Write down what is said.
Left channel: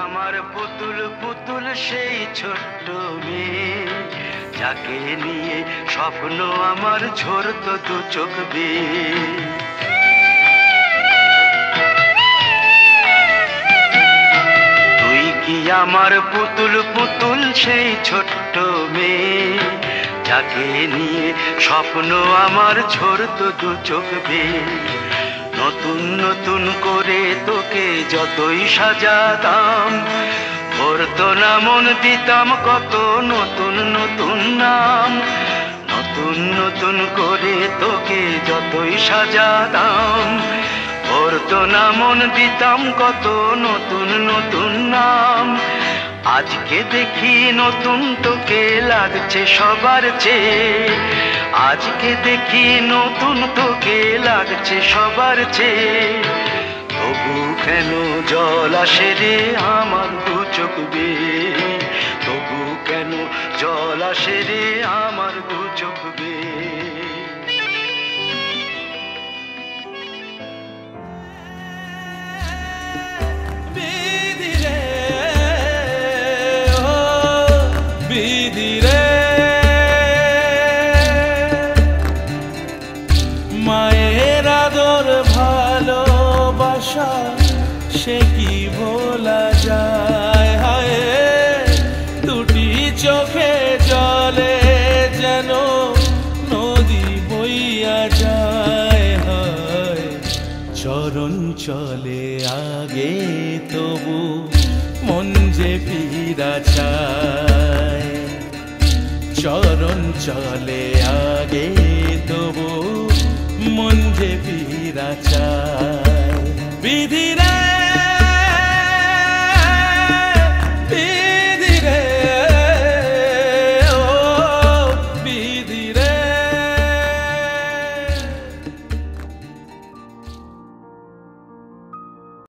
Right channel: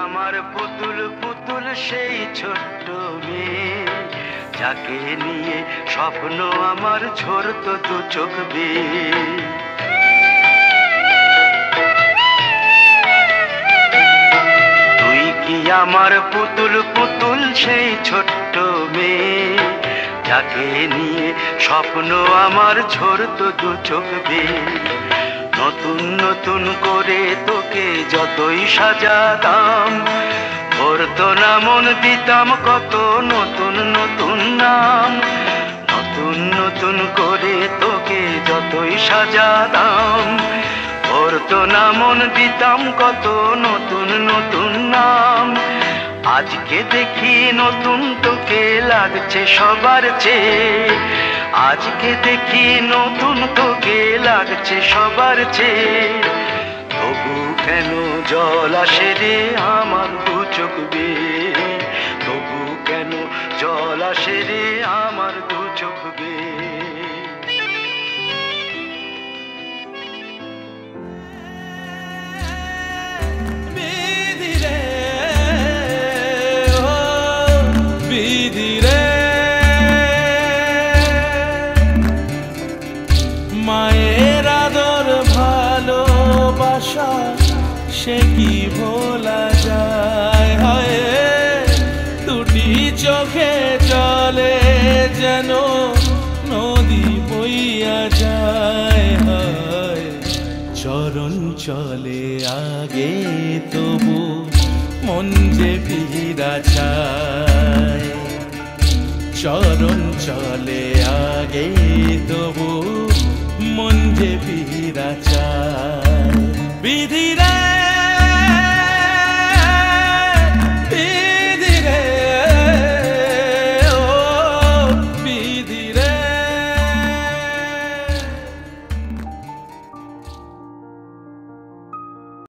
আমার পুতুল পুতুল সেই ছোট্ট মেয়ে, যাকে নিয়ে স্বপ্ন আমার ঝরতো দু চোখ বেয়ে। তুই কি আমার পুতুল পুতুল সেই ছোট্ট মেয়ে, যাকে নিয়ে স্বপ্ন আমার ঝরতো দু চোখ বেয়ে। নতুন নতুন করে তোকে যতই সাজাতাম, ভরতো না মন, দিতাম কত নতুন নতুন নাম। নতুন নতুন করে তোকে যতই সাজাতাম, ভরতো না মন, দিতাম কত নতুন নতুন নাম। আজকে দেখি নতুন তোকে লাগছে সবার চেয়ে, আজকে দেখি নতুন তোকে লাগছে সবার চেয়ে। তবু কেন জল আসে রে আমার দু চোখ বেয়ে, তবু কেন জল আসে রে আমার দু চোখ বেয়ে। মায়ের আদর ভালোবাসা সে কি ভোলা যায়, হায় দুটি চোখে জলে যেন নদী বইয়া যায়। হায় চরণ চলে আগে তবু মন যে ফিরা চায়, চরণ চলে আগে তবু মন যে ফিরা চায়। বিধির